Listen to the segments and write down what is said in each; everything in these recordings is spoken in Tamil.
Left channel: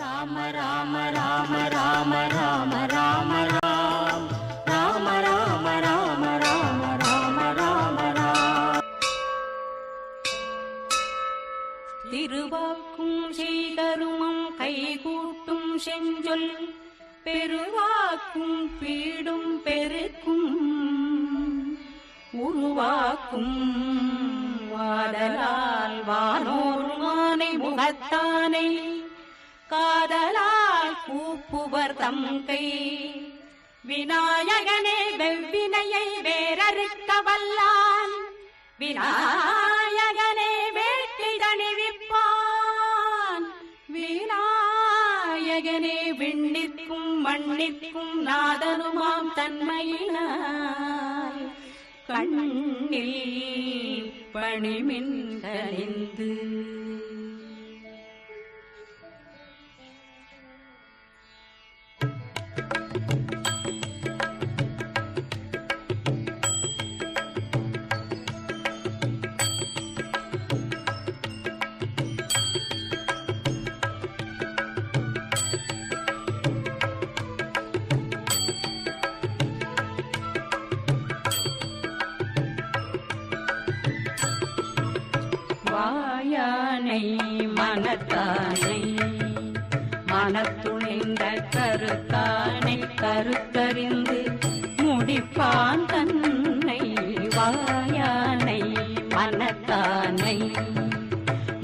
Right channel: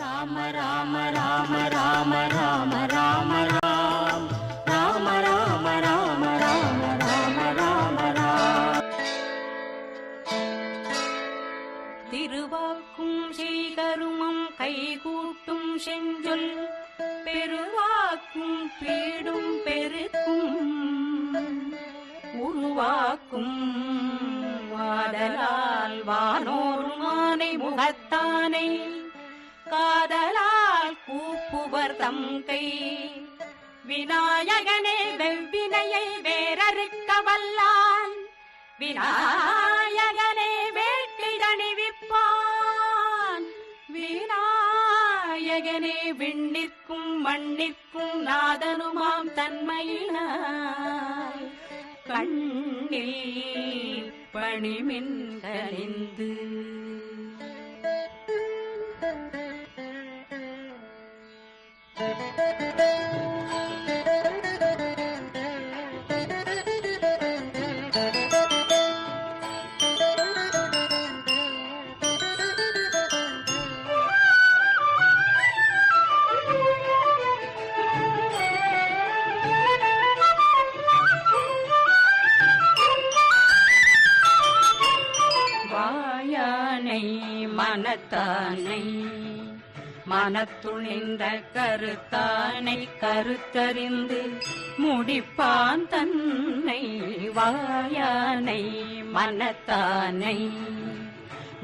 ராம ராம ராம ராம ராம ராம ராம் ராம ராம ராம ராம ராம ராம ராம் திருவாக்கும் செய்கருமம் கைகூட்டும் செஞ்சொல் பெருவாக்கும் பீடும் பெருக்கும் உருவாக்கும் வாதலால் வானோர் மானை முகத்தானை காதலால் கூப்புவர் தம் கை விநாயகனே வெவ்வினையை வேறறுக்க வல்லான் விநாயகனே வேட்டிடணிவிப்பான் விநாயகனே விண்ணிற்கும் மண்ணிற்கும் நாதனுமாம் தன்மையினாய் கண்ணில் பணிமின் கனிந்து மனத்தானை மனத்தானை மனத்துணிந்த கருத்தானை கருத்தறிந்து முடிப்பான் தன்னை வாயானை மனத்தானை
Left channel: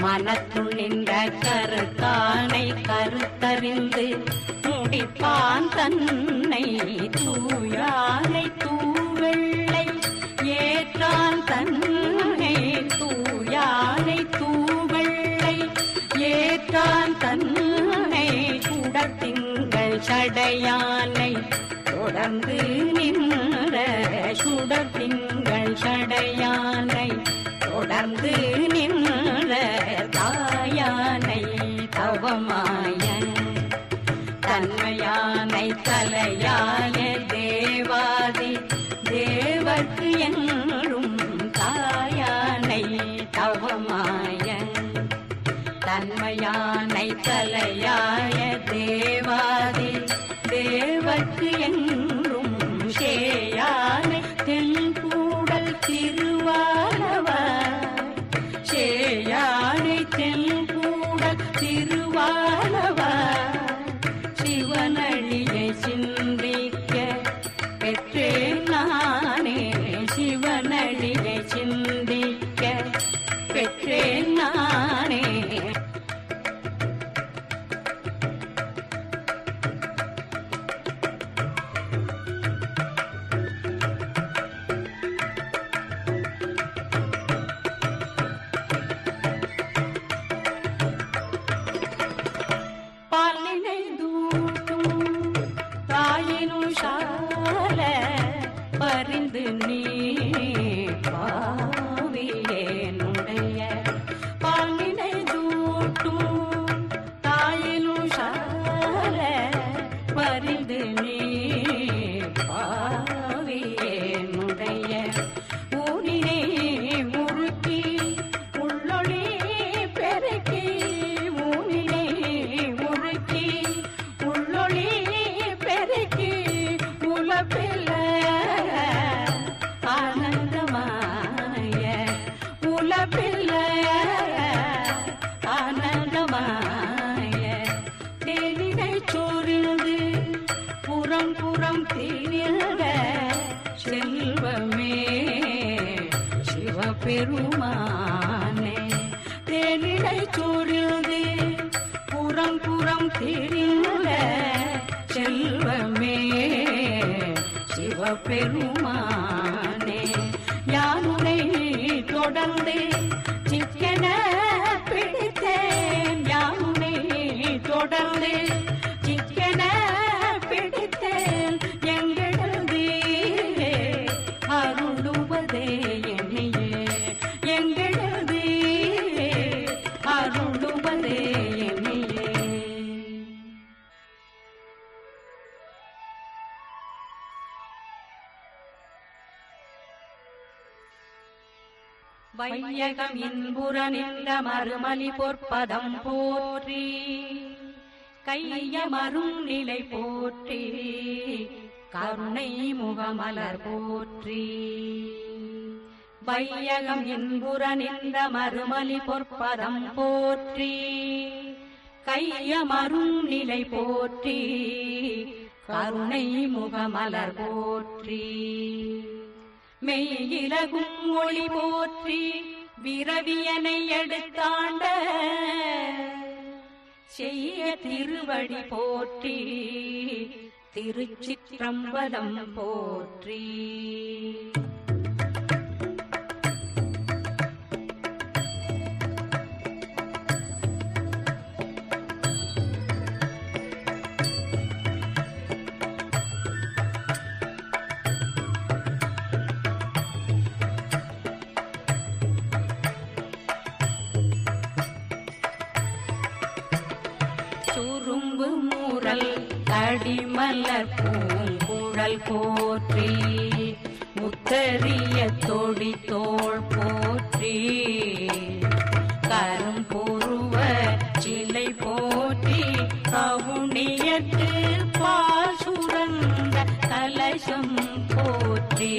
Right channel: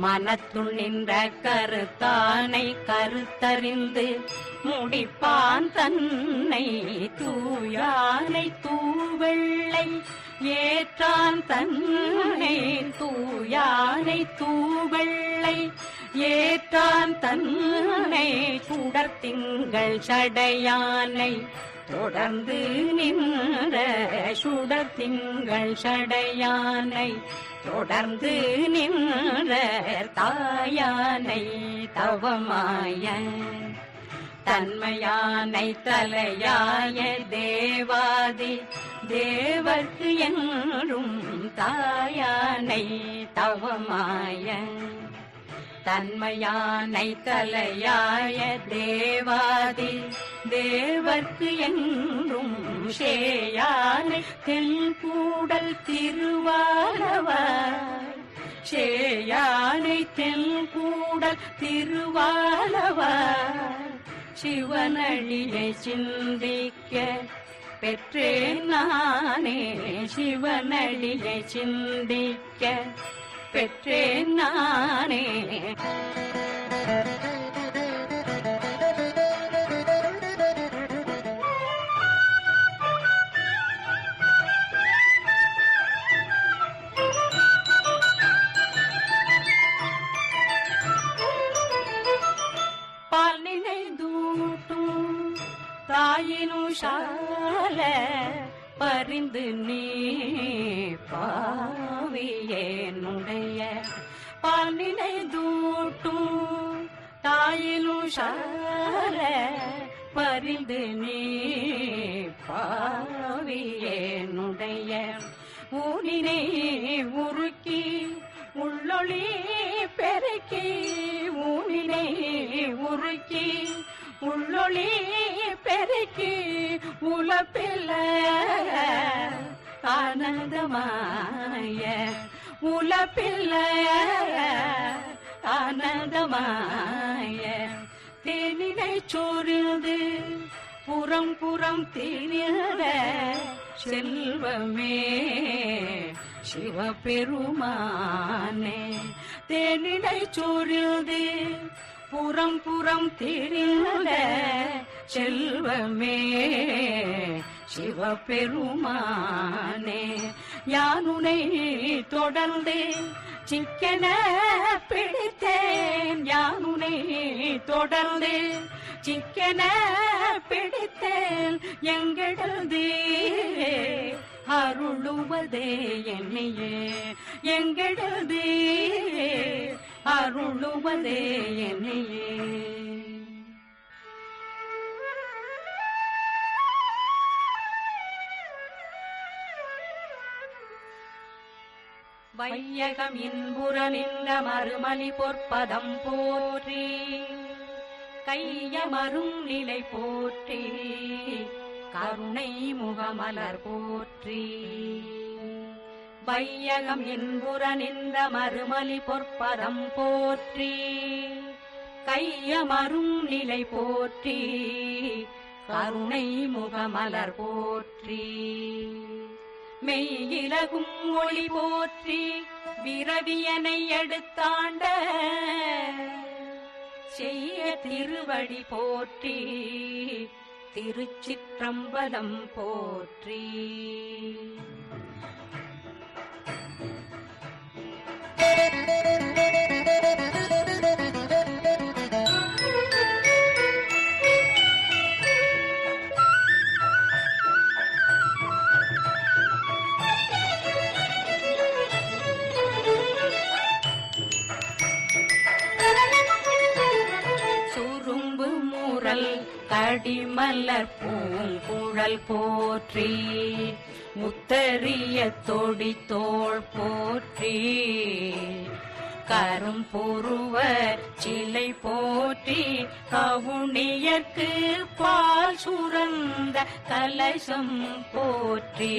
மனத்துணிந்த கருத்தானை கருத்தறிந்து முடிப்பான் தன்னை தூயானை தூவெள்ளை ஏற்றான் தன்னை தூயானை தூவெள்ளை. ஏற்றான் தன்னை சுடத்திங்கள் சடையானை. தொடர்ந்து நின்ற சுடத்திங்கள் சடையானை. தொடர்ந்து நின்ற தாயானை தவமாய. தன்மையானை தலையாய தேவாதி. தேவர்க்கு என்றும் தாயானை தவமாய தன்மையானை தலையாய தேவாதி தேவர்க்கு என்றும் சேயானை தென்கூடல் திருவாலவர் சேயானை தென்கூடல் திருவாலவர் சிவனழியை சிந்திக்க பெற்றேன் நானே சிவனடியை சிந்திக்க. பெற்றேன் நானே போல பரிந்து நீ பாவியேனுடைய பாலினை தூட்டும் தாயிலும் சால பரிந்து நீ பாவியேனுடைய ஊனினை உருக்கி உலப்பில்ல ஆனந்தமாய உலப்பில்ல. ஆனந்தமாய தேனினை சோர்ந்து புறம் புறம் திரிந்த செல்வமே சிவபெருமானே. தேனிடை சோர்ந்து புறம் புறம் திரிந்த செல்வமே சிவபெருமானே யானுனை தொடர்ந்து சிக்கன பிடித்தேன். யானுனை தொடர்ந்து சிக்கன பிடித்தேன். எங்களது அருளுவதே என்னையே. எங்களது அருளுவதே என்னையே. வையகம் இன்புற நின்ற மறுமலி பொற்பதம் போற்றி. கையமரும் நிலை போற்றி. கருணை முகமலர் போற்றி. வையகம் என்புற நின்ற மறுமலி பொற்பதம் போற்றி. கையமரும் நிலை போற்றி. கருணை முகமலர் போற்றி. மெய்யிலகும் ஒளி போற்றி விரவியனை எடுத்தாண்ட செய்ய திருவடி போற்றி திருச்சிற்றம்பலம் போற்றி. கடிமலர் பூங்குழல் போற்றி முத்தறிய தொடி தோள் போற்றி. கரும்புருவ சிலை போற்றி கவுனியற்கு பால் சுரந்த கலசம் போற்றி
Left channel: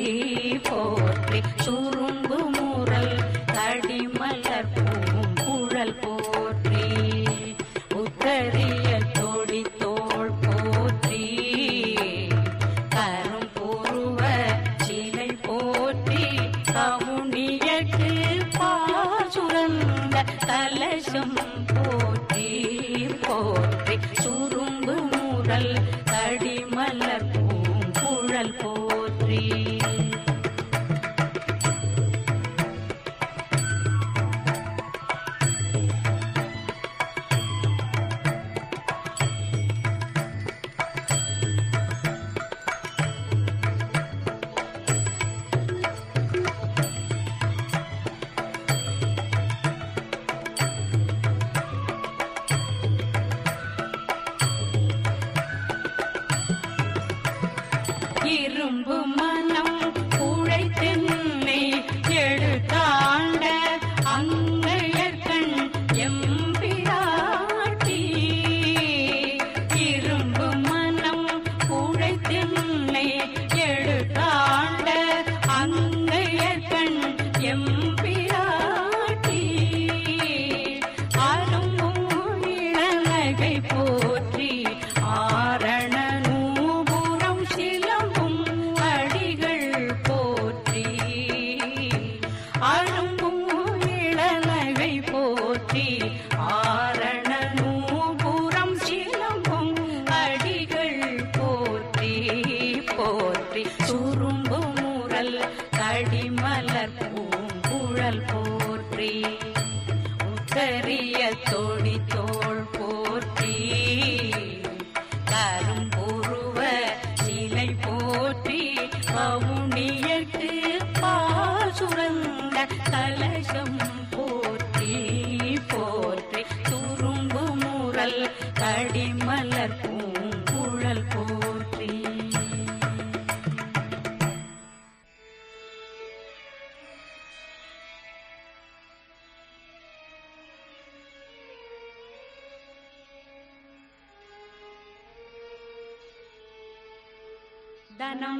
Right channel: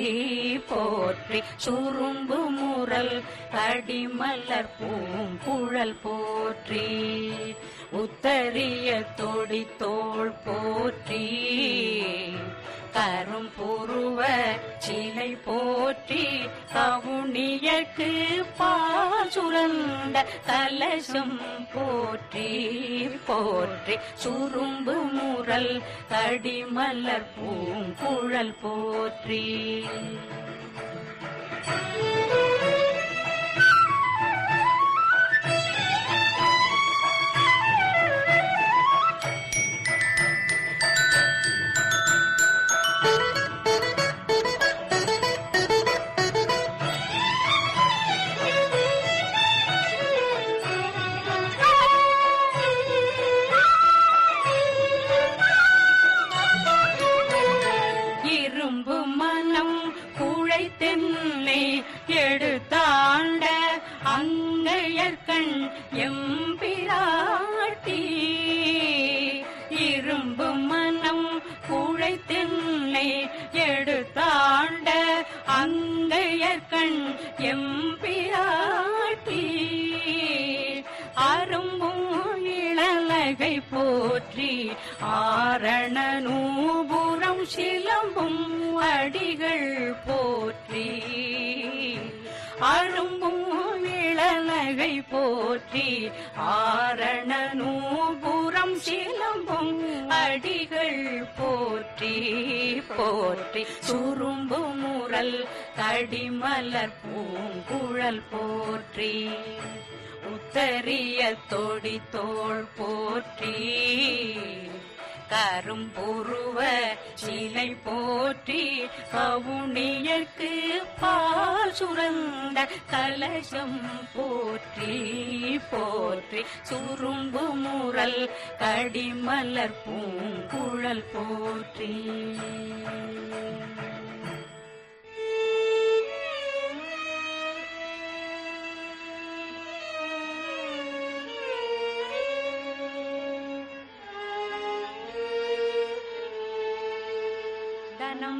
போற்றி. சுரும்பு முரல் கடிமலர் பூங்குழல் போற்றி. கரிய தொடி தோள் போற்றி. கரும் புருவ சிலை போற்றி. கவுனியக்கு பாசுரந்த கலசம் போற்றி. போற்றி சுரும்பு முரல் கடிமலர் பூங்குழல் போற்றி. எம்பிராட்டி அரும்பும் இளநகை போற்றி ஆரண நூபுரம் சிலம்பும் அடிகள் போற்றி அரும்பும் இளநகை போற்றி ஆரண நூபுரம் சிலம்பும் அடிகள் போற்றி போற்றி சுரும்பும் முரல் தடிமலர் பூங்குழல் போற்றி. உத்தரிய தொடி தோள் போற்றி. கரும்புருவ சிலை போற்றி. பவுனியற்கு பாசுரந்த கலசம் போற்றி போற்றி. துரும்பு முரல் கடிமலர் பூங்குழல் போற்றி.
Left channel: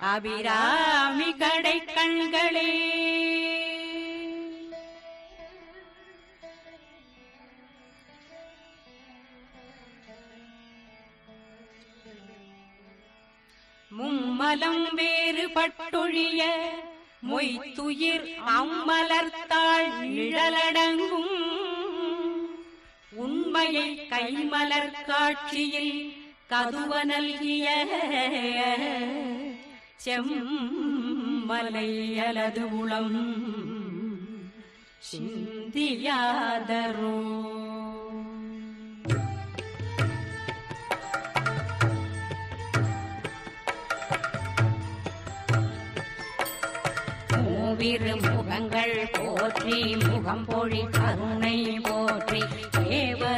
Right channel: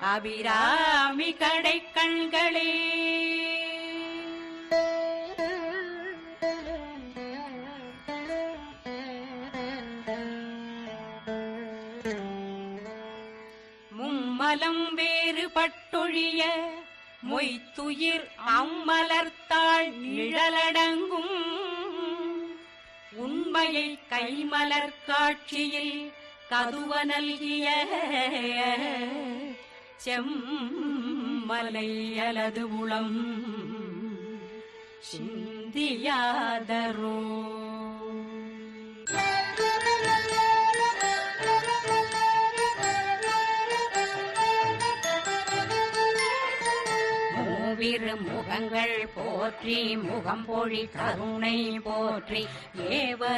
அபிராமி கடை கண்களே மும்மலம் வேறுபட்டொழிய மொய்த்துயிர் அம்மலர்த்தாள் நிழலடங்கும். உண்மையை கைமலர் காட்சியில் கதுவ நல்கிய செம்மலை அலது உளம் சிந்தியாதரோ. மூவிரு முகங்கள் போற்றி முகம் பொழி கருணை போற்றி தேவர்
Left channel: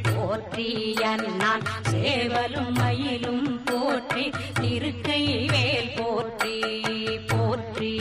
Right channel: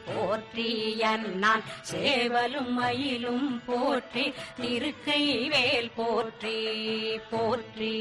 போற்றி அண்ணான் சேவலும் மயிலும் போற்றி திருக்கை வேல் போற்றி போற்றி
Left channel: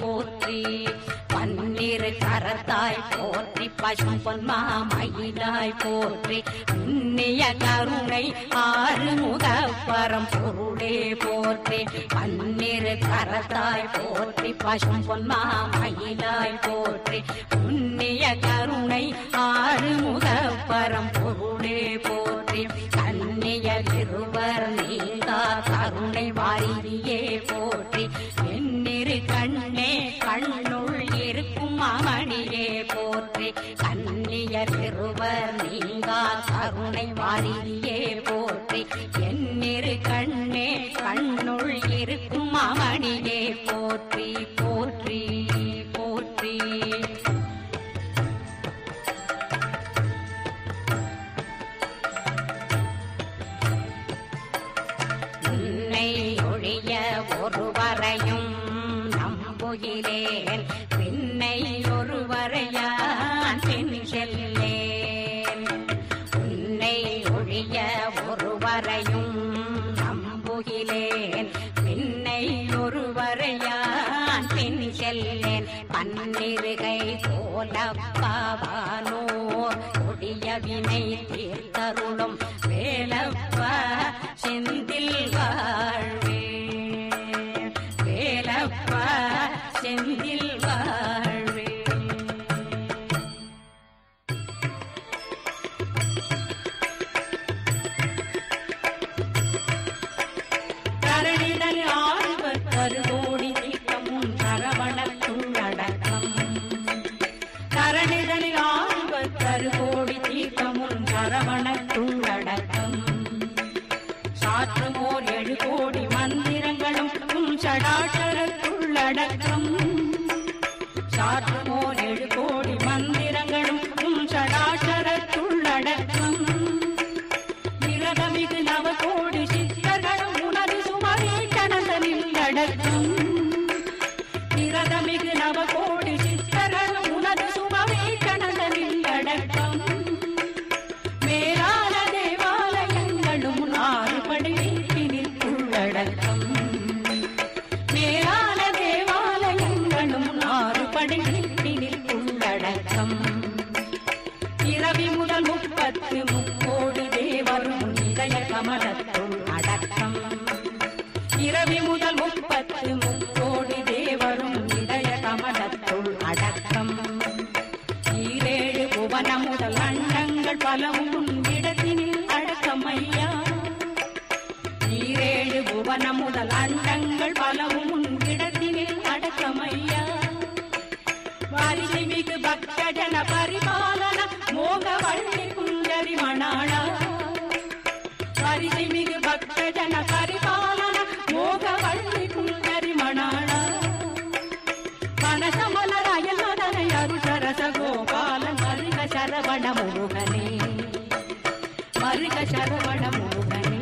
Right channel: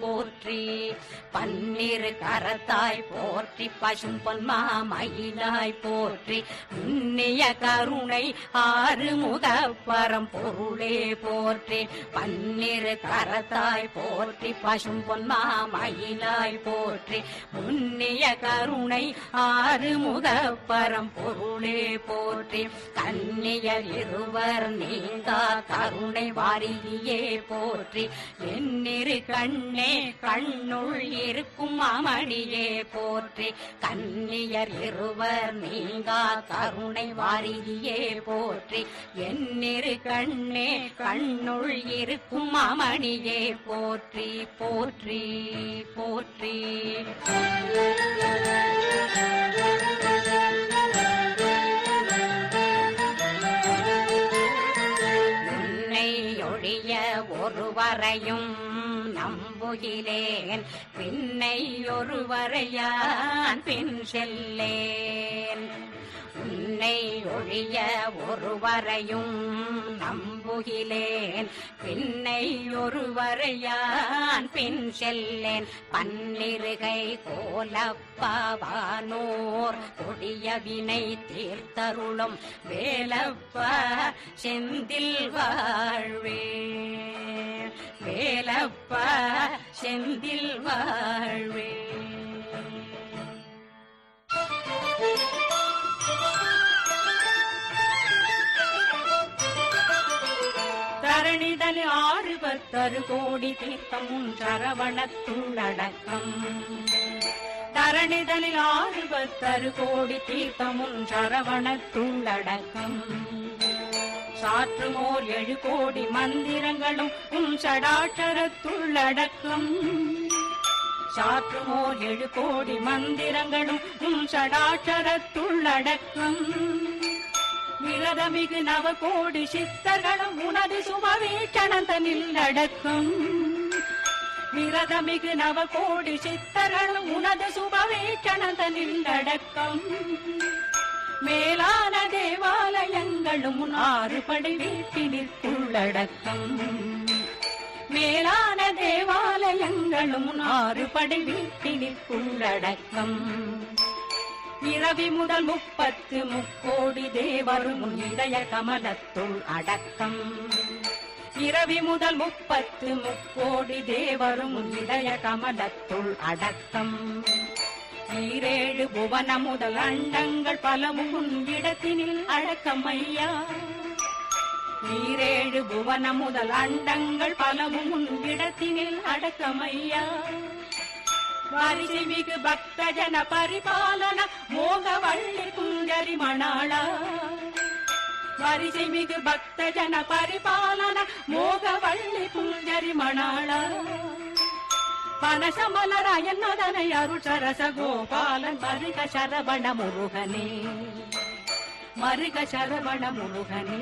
போற்றி. பன்னிரு கரத்தாய் போற்றி பசும் பொன்மா மயிலாய் போற்றி. உன்னிய கருணை ஆறு முகப்பரம் பொருளே போற்றி. பன்னிரு கரத்தாய் போற்றி பசும் பொன்மா மயிலாய் போற்றி. உன்னிய கருணை ஆறு முகப்பரம் பொருளே போற்றி கண்ணியல் இருவர் நீங்கா கருணை வாரியே போற்றி. என்னிரு கண்ணே கண்ணுள் இருக்கும் அமணியே போற்றி. கண்ணியல் இருவர் நீங்கா கருணை வாரியே போற்றி. என்னிரு கண்ணே கண்ணுள் இருக்கும் அமணியே போற்றி போற்றி போற்றி. ஒருவரையும் நம்புகிறேன். பின்னை ஒருவரையான் பின் செல்லேன். உன்னை ஒழிய ஒருவரையும் நம்புகிறேன். பின்னை ஒருவரையான் பின் செல்லேன். பன்னிருகை கோலப்பவானோர் கொடிய வினை தீர்த்தருளும் வேலப்ப செந்தில் வாழ்வே. வேலப்ப செந்தில் வாழ்வே. தரணிதன் தரணிதல் ஆறுபத்தரு கோடி தீர்த்தமும் சரவணத்துள்ளடக்கம் தரணிதலில் ஆறுபத்தரு கோடி தீர்த்தமும் சரவணத்துள்ளடக்கம் சாற்றுமோர் ஏழு கோடி மந்திரங்களும் உம் சடாச்சரத்துள்ளடக்கம் சாற்றுமோர் ஏழு கோடி மந்திரங்களும் உம் சடாச்சரத்துள்ளடக்கம் விரதமிகு நவ கோடி சித்தர்களும் உனது சுமவே கணந்தனில் அடக்கம் விரதமிகு நவ கோடி சித்தர்களும் உனது சுமவே கணந்தனில் அடக்கம் ஆறுபடை வீட்டினில் உள்ளடக்கம் இரவி முதல் முப்பத்து முக்கோடி தேவரும் இதய கமலத்துள் அடக்கம். இரவி முதல் முப்பத்து முக்கோடி தேவரும் இதய கமலத்துள் அடக்கம். ஈரேழு புவன முதல் அண்டங்கள் பலவும் உன் இடத்தினில் அடக்கம் ஐயா. ஈரேழு புவன முதல் அண்டங்கள் பலவும் உன் இடத்தினில் அடக்கம் ஐயா வாரிசை மிகு பக்த பரிபாலன மோக வள்ளி குஞ்சரி மணாளா. வாரிசை மிகு பக்த பரிபாலன மோக வள்ளி குஞ்சரி மணாளா பனசமலராயல் மதனை அருஷரச கோபாலன் மருக சரவண முருகனே. மருக சரவண முருகனே.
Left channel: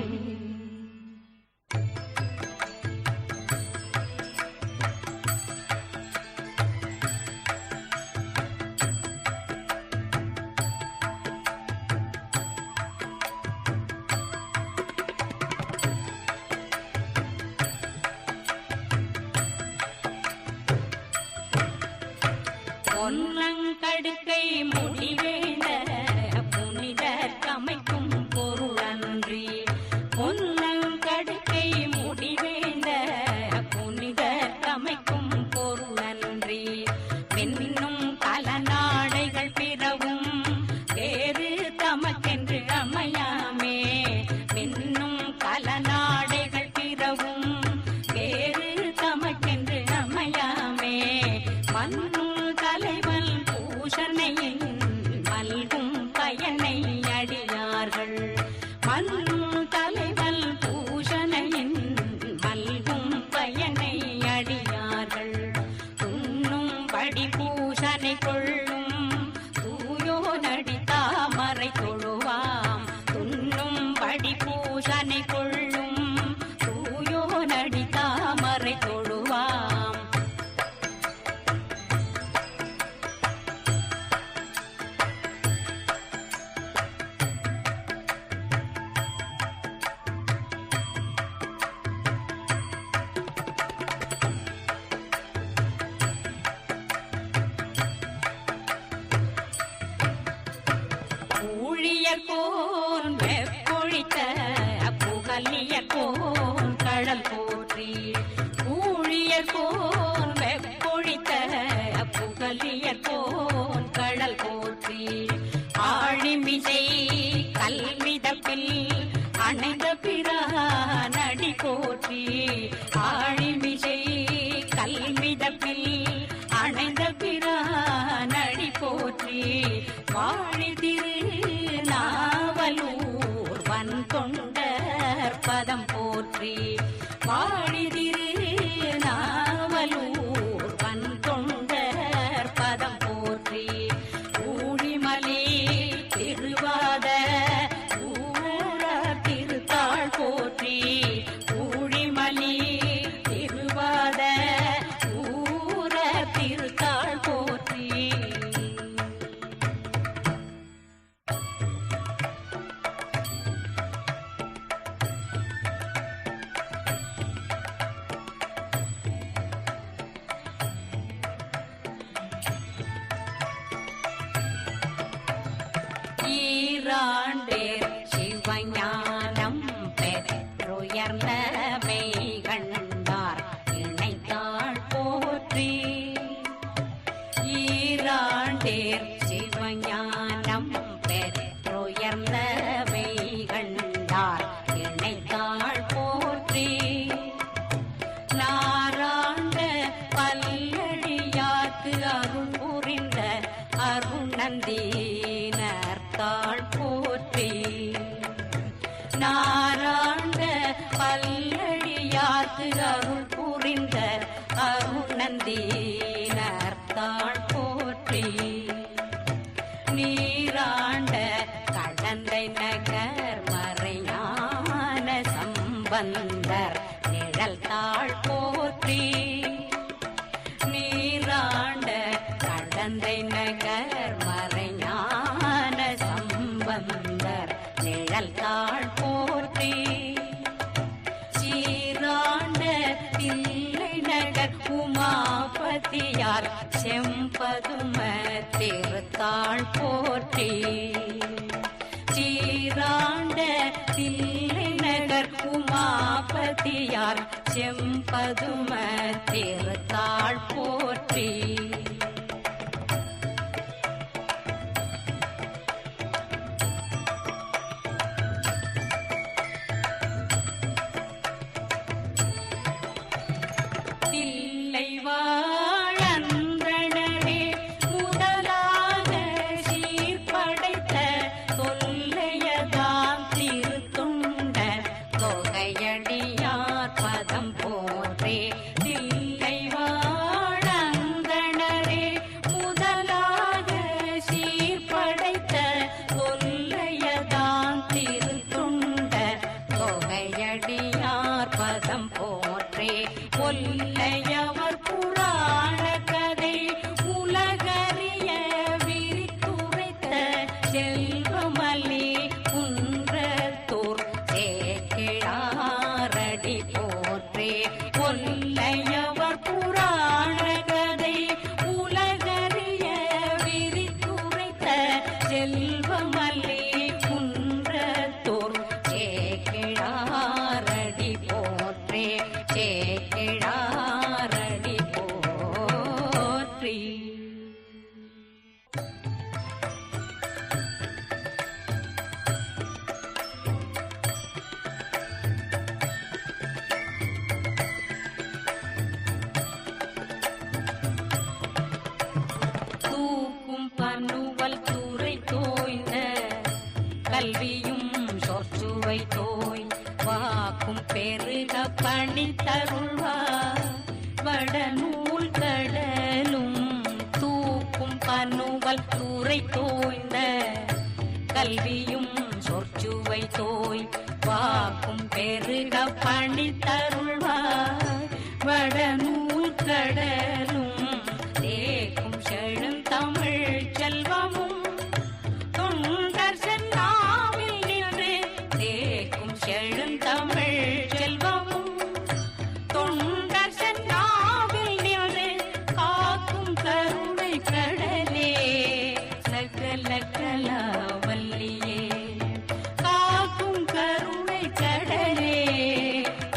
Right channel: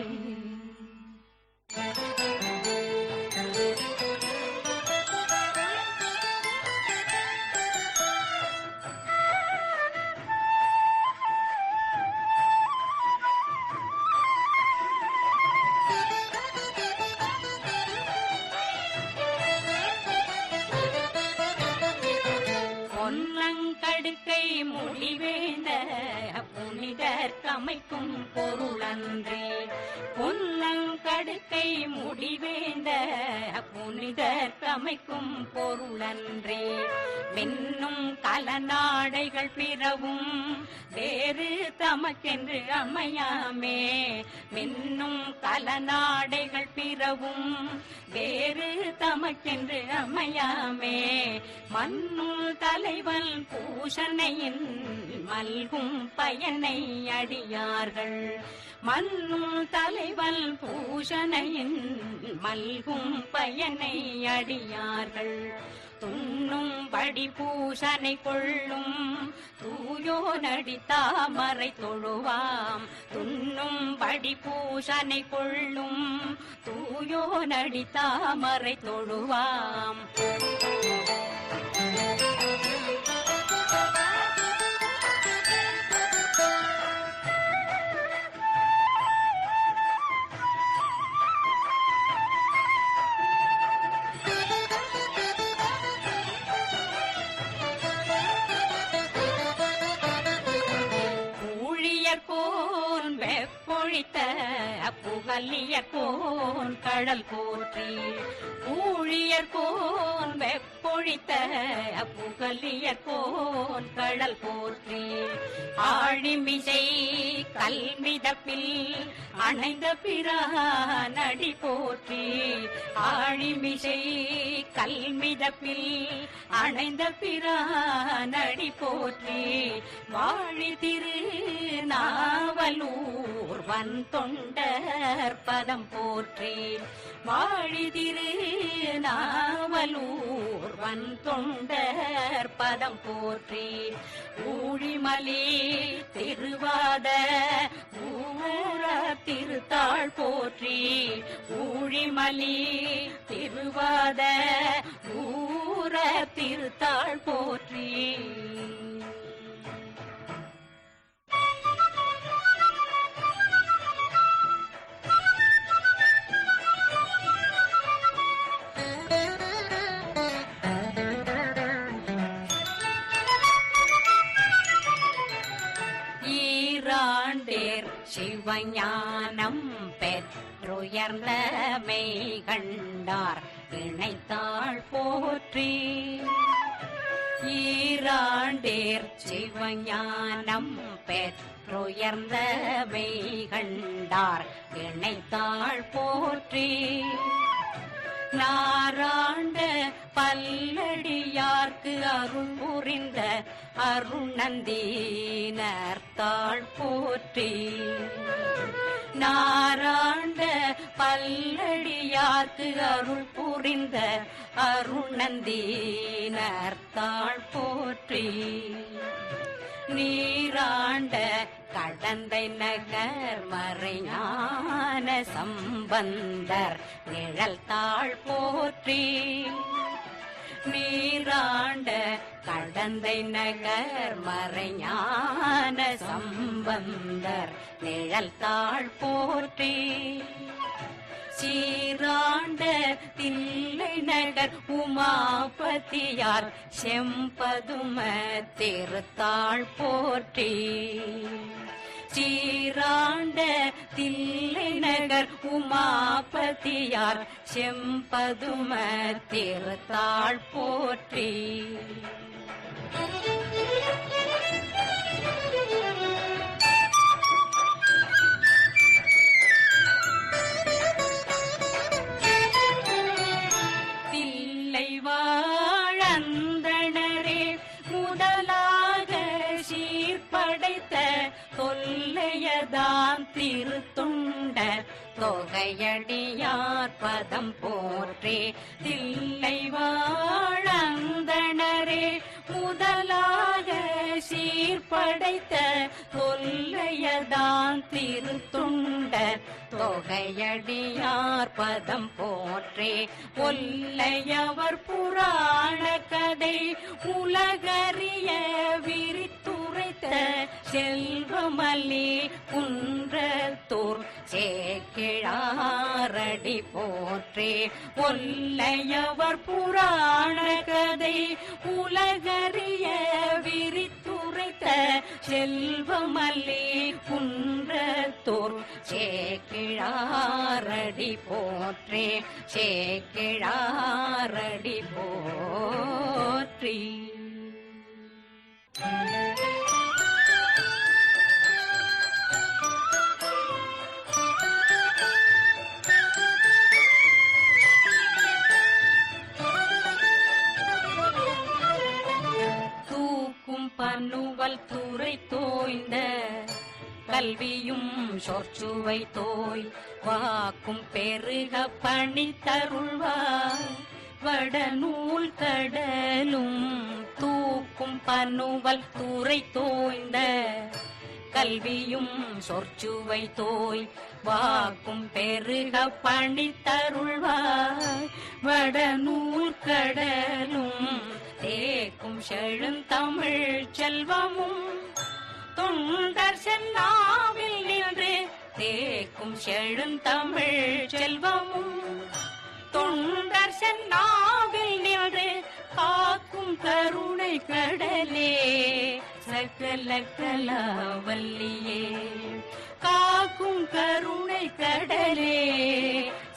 பொன்னங்கடுக்கை முடிவேந்த புனிதர் கமைக்கும் பொருளன்றே. பொன்னங்கடுக்கை முடிவேந்த புனிதர் கமைக்கும் பொருளன்றே. மின்னும் கலநாடைகள் பிறவும் வேறு தமக்கென்று அமையாமே. மின்னும் கலநாடைகள் பிறவும் வேறு தமக்கென்று அமையாமே. மண்ணுள் தலைவல் பூஷணையின் மல்கும் பயனை அடியார்கள். மண்ணுள் தலைவல் பூஷணையின் மல்கும் பயனை அடியார்கள். துண்ணும்படி பூஷனை கொள்ளும் தூயோ நடி தாமரை தொழுவாம். துண்ணும்படி பூஷனை கொள்ளும் தூயோ நடி தாமரை தொழுவாம். கோன் வெப்பொழித்த புகலியர் கோன் கடல் போற்றி ஊழியர் கோன் வெப்பொழித்த புகலியர் கோன் கடல் போற்றி. ஆழிமிசை கல்மிதப்பில் அணைந்த பிரானடி போற்றி ஆழிமிசை கல்மிதப்பில் அணைந்த பிரானடி போற்றி. வாழி திரு நாவலூர் வன் தொண்டர் பதம் போற்றி வாழிதிரு நாவலூர். வன் தொண்டர் பதம் போற்றி ஊழிமலி திருவாத திருத்தாள் போற்றி ஊழிமலி திருவாத ஊர திருத்தாள் போற்றி. சிவஞானம் பெற்றுயர்ந்த மெய் கண்டார் இணைத்தாள் போற்றி. ஈராண்டேர் சிவஞானம் பெற்றுயர்ந்த மெய் கண்டார் இணைத்தாள் போற்றி. நாராண்ட பல்லடியார்க்கு அருள் புரிந்த அருணந்தீனர் தாழ் போற்றி. நாராண்ட பல்லடியார்க்கு அருள் புரிந்த அருணந்தீனர்த்தாள் போற்றி. நீராண்ட கடந்தை நகர் மறையான சம்பந்தர் நிழல் தாழ் போற்றி. நீராண்ட கடந்தை நகர் மறைஞான சம்பந்தர் நிழல் தாழ் போற்றி. சீராண்ட தில்லை நகர் உமாபதியார் செம்பதும திருத்தாள் போற்றி. சீராண்ட தில்லை நகர் உமாபதியார் செம்பதும திருத்தாள் போற்றி. பதம் போற்றே தில்லை வாழந்தனரே முதலாக சீர்படைத்த தொல்லையதாம் திருத்துண்ட தொகையடியார் பதம் போற்றே ஒல்லையவர் புராண கதை உலகறிய விரித்துரைத்த செல்வமல்லி குன்றத்தூர் சேக்கிழாரடி போற்றே. கொல்லையவர் புராண கதை உலகறிய விரித்துரைத்த செல்வமல்லி குன்றத்தோர். சேக்கிழாரடி போற்றே சேக்கிழாரடி போற்றி. கற்கும் பன்னுவல் துறை தோய்ந்த கல்வியும் சொற்றுவை தோய் வாக்கும் பெருக பணி தருள்வார். வடநூல் கடலும் தூக்கும் பன்னுவல் துறை தோய்ந்த கல்வியும் சொற்சுவை தோய் வாக்கும் பெருக பணி தருள்வார். வடநூல் கடலும் தேக்கும் செழுந்தமிழ் செல்வமும் தொண்டர் சென்னாவில் நின்று தேக்கும் செழுந்தமிழ் செல்வமும் தொண்டர் சென்னாவில் நின்று காக்கும் கருணை கடலே சகல கலாவல்லியே காக்கும் கருணை கடலே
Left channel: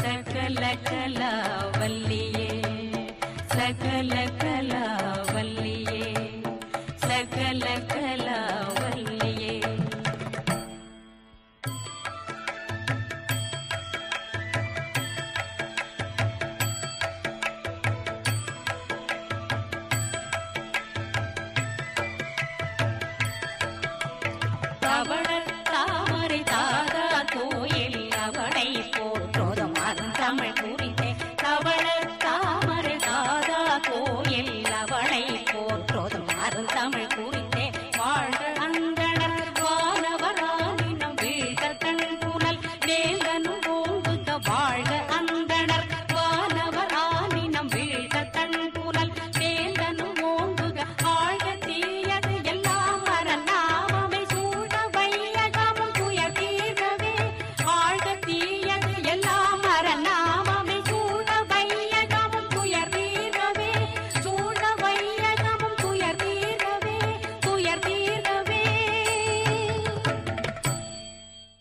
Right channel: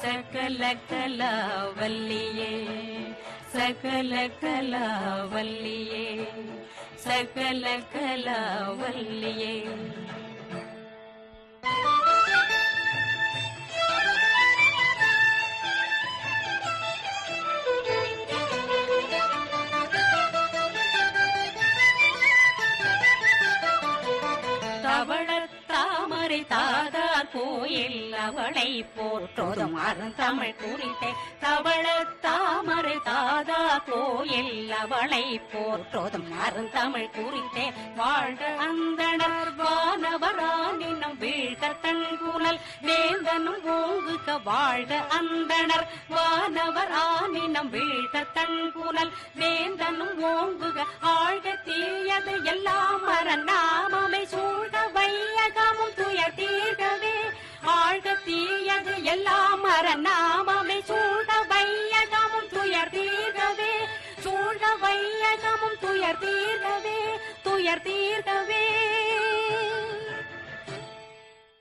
சகல கலாவல்லியே சகல கலாவல்லியே சகல கலாவல்லியே. தவள தாமரை தாதா கோ போற்றோதும் அருந்தமிழ் குறித்தே. தவள தாமரை தாதா கோயில் அவளை போற்றோதும் அருந்தமிழ் குறித்தே. வாழ்க அந்தணர் வானவரானினம் வீழ்க தன் புனல் வேந்தனும் ஓங்குக. வாழ்க அந்தனர் வானவரானினம் வீழ்க தன் புனல் வேந்தனும் ஓங்குக. ஆழ்க தீயது எல்லாம்